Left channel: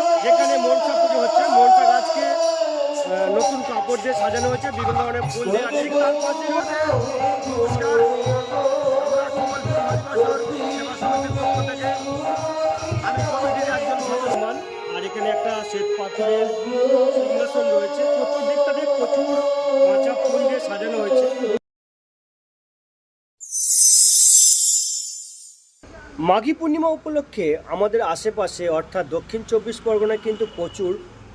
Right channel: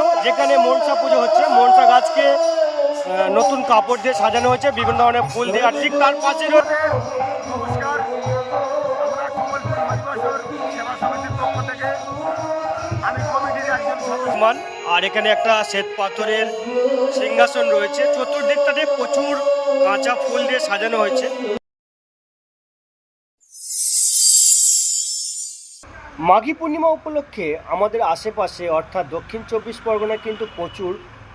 মঞ্চ যেখানে মনসা পুজো হচ্ছে। মনসা গাছকে নতুন কাপড় দিয়ে সাজানো হয়েছে বিভিন্ন ধরনের ফুল দিয়ে। আর ঠিক তার পাশে নমস্কার। আমরা কমলপুর হরিবাসর সেবা সমিতির পক্ষ থেকে। আমি কমিটির একজন সদস্য। আর এখানে একটা শ্বেত পাথরের সিংহাসন রয়েছে। চতুর্দিকটাতে প্রচুর কাঁচা ফুল দিয়ে সাজানো হয়েছে। মাঘী পূর্ণিমা উপলক্ষে আমাদের আশেপাশে, অর্থাৎ দক্ষিণ চব্বিশ পরগনায় কিন্তু প্রচুর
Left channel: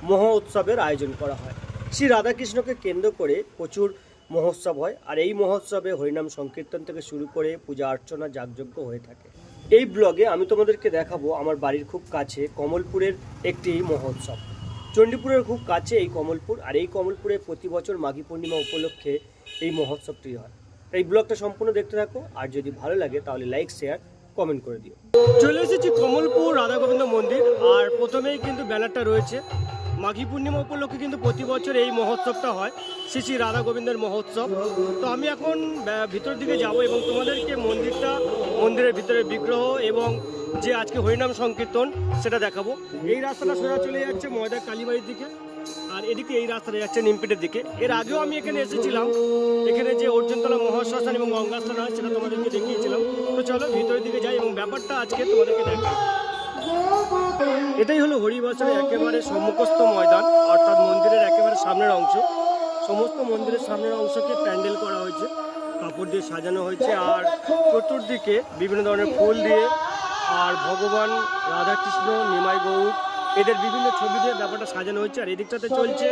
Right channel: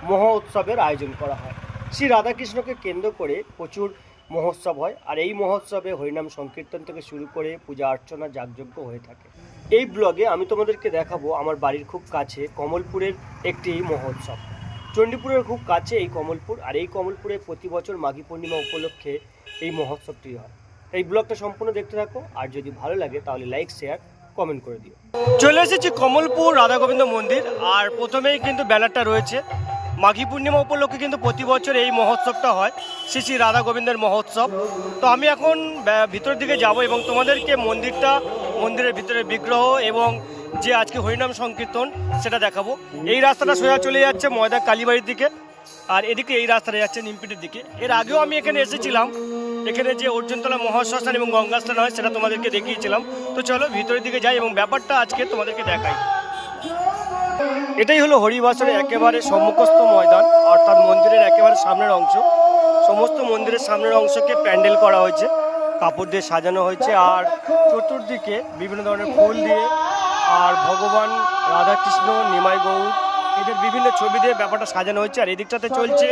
মহা উৎসবের আয়োজন করা হয়। শ্রী রাধাকৃষ্ণকে কেন্দ্র করে প্রচুর মহোৎসব হয় আর এই মহোৎসবে হরিনাম সংকীর্তন থেকে শুরু করে পূজা অর্চনা যাগযজ্ঞ হয়ে থাকে। এই ব্লগে আমি তোমাদেরকে দেখাবো আমার বাড়ির খুব কাছে কমলপুরের একটি মহোৎসব। চণ্ডীপুরের খুব কাছে এই কমলপুর আর এই কমলপুরে প্রতি বছর মাঘী পূর্ণিমা উপলক্ষে এই মহোৎসবটি হয়। এই ব্লগটা সম্পূর্ণ দেখতে থাকো আর যদি ভালো লাগে তাহলে লাইক শেয়ার কমেন্ট করে দিও। চলে এসেছি কমলপুর রাধা গোবিন্দ মন্দির, আর প্রথমেই কিন্তু ব্যানারটা রয়েছে। মাঘী পূর্ণিমা উপলক্ষে কিন্তু প্রতি বছর এই মহোৎসবটা হয়, শ্রী শ্রী রাধা গোবিন্দের মহোৎসব। তো আমি এখন ভিতরের দিকে যাব এবং তোমাদেরকে মন্দিরটা, মন্দিরের ভিতরে বিগ্রহ এবং যে আজকে হরিনাম সংকীর্তন, সেটা দেখাবো। এই রাস্তাটা সোজা চলে যাচ্ছে ময়দা কালীবাড়ির দিকে। আর এদিকে এই রাস্তাটা যাচ্ছে নিমপিটের দিকে। এর আগেও আমি এখানে এসেছিলাম। এখানে যে অর্জুনতলা মহাশ্মশান এবং গঙ্গাস্থান হয়, সেটা তোমাদেরকে দেখিয়েছিলাম। তো চলো ভিতরের দিকে যাই এবং ব্যাপারটা আজকে তোমাদেরকে দেখাই। এটাই হলো হরিবাসরের একেবারে সম্মুখস্থ ময়দান, অর্থাৎ মন্দিরের একেবারে সামনের অংশ। সমস্ত মন্দিরের সামনের অংশকে প্যান্ডেল করা হয়েছে, কাপড় দিয়ে সাজানো হয়েছে, আর চতুর্দিকে বিভিন্ন ধরনের ফুল দিয়ে, আর ভগবান রাধাকৃষ্ণ, নিমাই গৌর এদের বিভিন্ন ছবি দিয়ে ব্যাপারটা সাজানো হয়েছে, আর এদিকটাতে চলছে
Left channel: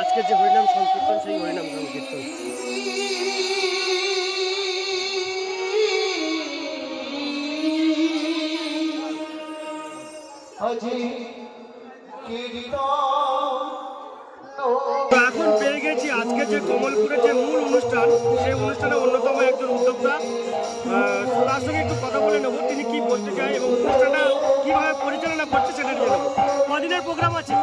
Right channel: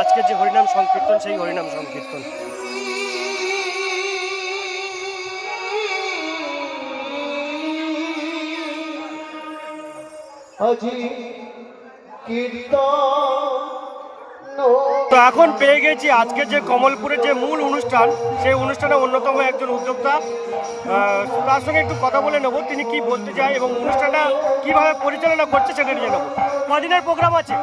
আজকে যে হরিনাম সংকীর্তন, সেই হরিনাম সংকীর্তন। কীর্তন তো এখন পেয়ে গেছি আজকে যে কমলপুরের যে মূল অনুষ্ঠান, সেই অনুষ্ঠানে অন্যতম একজন উদ্যোক্তা। তার সঙ্গে একটু কথা বলে নেব, তিনি কি বলতে চায় এবং অনুষ্ঠানটা কীভাবে পরিচালনা করছে সেটা নিয়ে নেব। কদিনের প্রোগ্রাম আছে?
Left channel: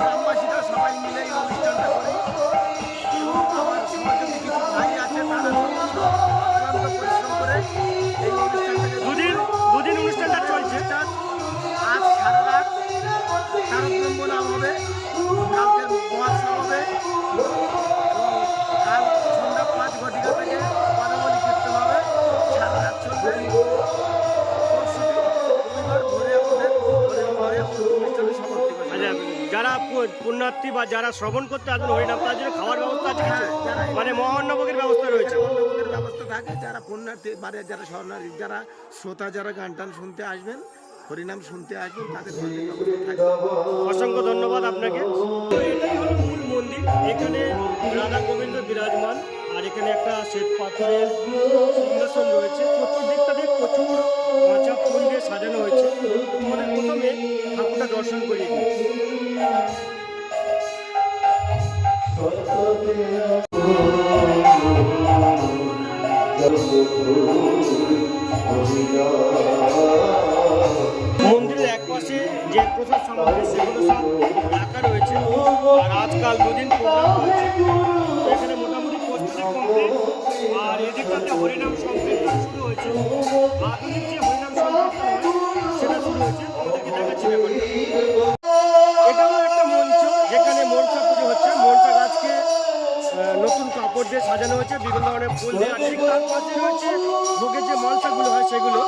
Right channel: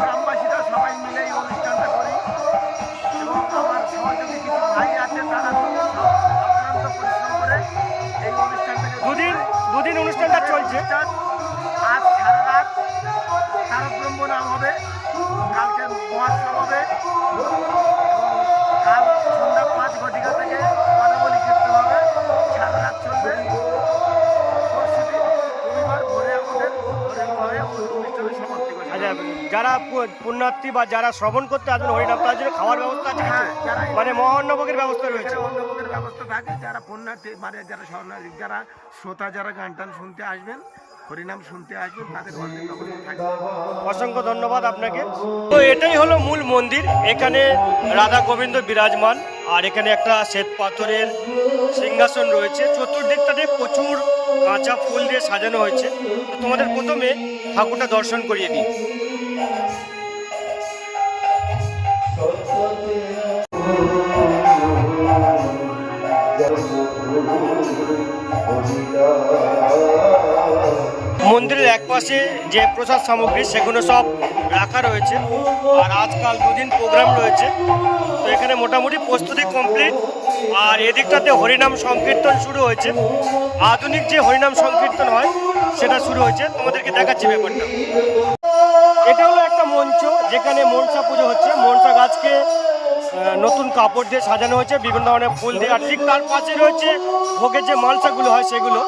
গ্রামবাসীরা সবাই মিলে এই অনুষ্ঠানটা করি। এবং আমার সহযোগী কিছু ভাই আছে তারা অক্লান্ত পরিশ্রম করে এই অনুষ্ঠানটাকে দুদিন দুদিন অনুষ্ঠানটা চলছে। আজ সারা রাত তারক ব্রহ্ম নাম হবে কালকে মহাৎসব হবে এবং কাল সন্ধ্যা পাঁচ ঘটিকা থেকে পদাবলী কীর্তন হবে। যারা পুণ্যার্থী বা যারা শ্রবণ করতে আসবেন হরিনাম তার জন্য খাওয়ার ব্যবস্থা আছে মানে মহান্নভোগের ব্যবস্থা রয়েছে? অন্নভোগের ব্যবস্থা থাকে। যারা পুণ্যার্থী মানে যারা শরণার্থী যারা শ্রোতা যারা গান টান শুনতে আসবেন হরিনাম শুনতে আসবেন তাদের থাকবে অসংখ্য ধন্যবাদ আপনাকে। তো এটাই হলো মূল মন্দির। এখানে রাধা গোবিন্দ বিরাজমান আর এখানে একটা শ্বেত পাথরের সিংহাসন রয়েছে। চতুর্দিকটাতে প্রচুর কাঁচা ফুল দিয়ে সাজানো হয়েছে। তো তোমাদের প্রথমে ঠাকুরটা দর্শন করিয়ে দিই। মন্দিরের একপাশে যে প্রসাদ সামগ্রী, সেগুলো সব রাখা রয়েছে। আর আজকাল দুদিন প্রোগ্রাম রয়েছে। তো এখানে মোটামুটি প্রস্তুতি কমপ্লিট আর এদিকটাতে হরিনাম সংকীর্তন শুরু হয়েছে। আধুনিক যে হরিনাম সংকীর্তন হয়, সেটা শুরু হয়েছে। তোমাদেরকে দেখাচ্ছি ব্যাপারটা। এটা হলো একটা মঞ্চ, যেখানে মনসা পুজো হচ্ছে। মনসা গাছকে নতুন কাপড় দিয়ে সাজানো হয়েছে, বিভিন্ন ধরনের ফুল দিয়ে। আর ঠিক তার পাশে রয়েছে ভোগের যে মালসাগুলো হয় সেগুলো।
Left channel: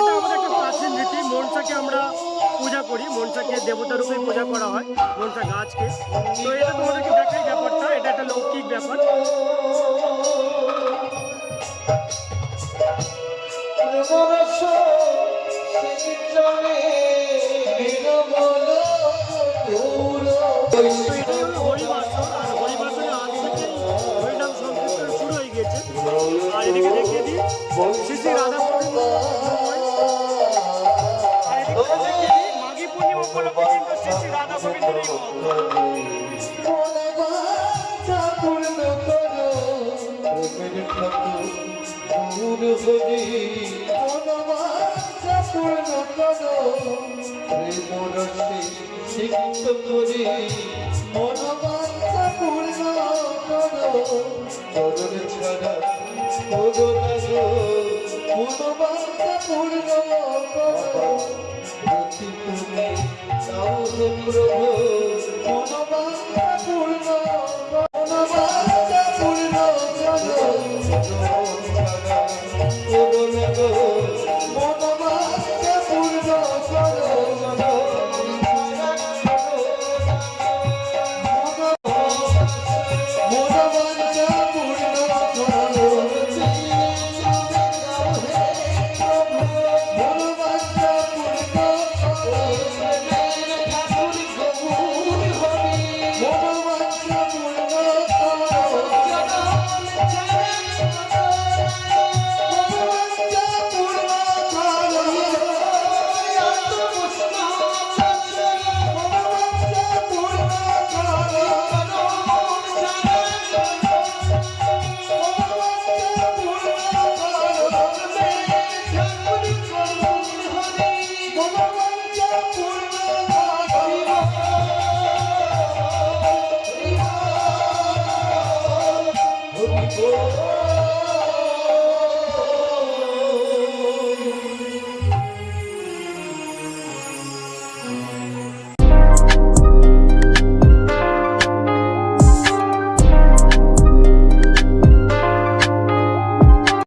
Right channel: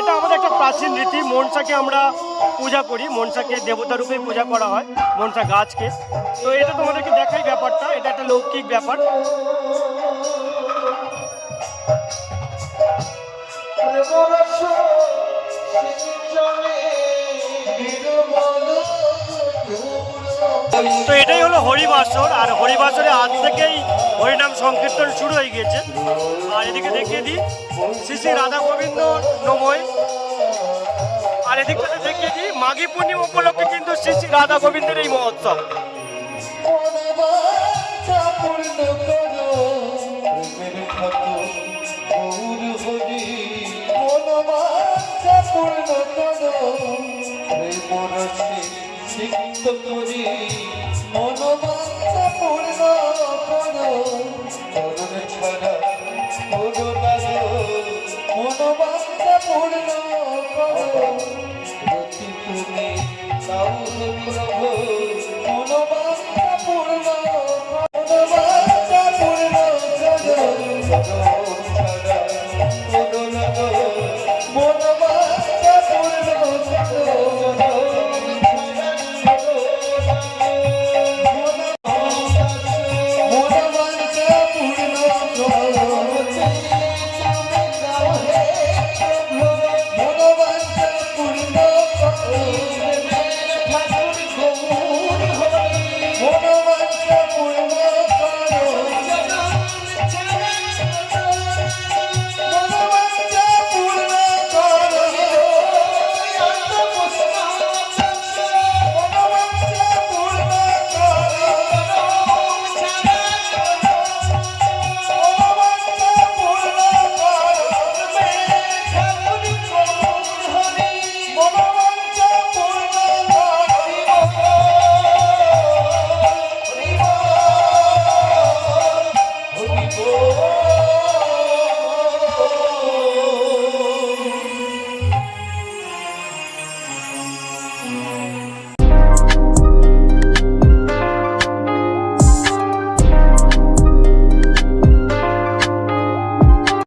এটা আমাদের একটা প্রাচীন রীতি। মনসাকে আমরা পূজা করি। মনসাকে দেবতা রূপে পূজা করা হয়, মনসা গাছকে। তো এটা তোমাদেরকে দেখাই ব্যাপারটা। এটা একটা লৌকিক ব্যাপার। হরিবাসর, আর হরিবাসরে আজ থেকেই হরিনাম সংকীর্তন শুরু হয়ে গিয়েছে। আর এদিকে দেখিয়ে দিই, শ্রী শ্রী রাধা গোবিন্দ নময়। আর এদিকে দেখিয়ে দিই, মাঘী পূর্ণিমা উপলক্ষে কিন্তু শ্রী শ্রী রাধা গোবিন্দের এই মহোৎসব। পূর্ণ করো। মনোবাঞ্ছা পূর্ণ করো। মরণ ছাড়া মরো করো মনোবাঞ্ছা পূর্ণ করো। দেখি তুমি তাও প্রভু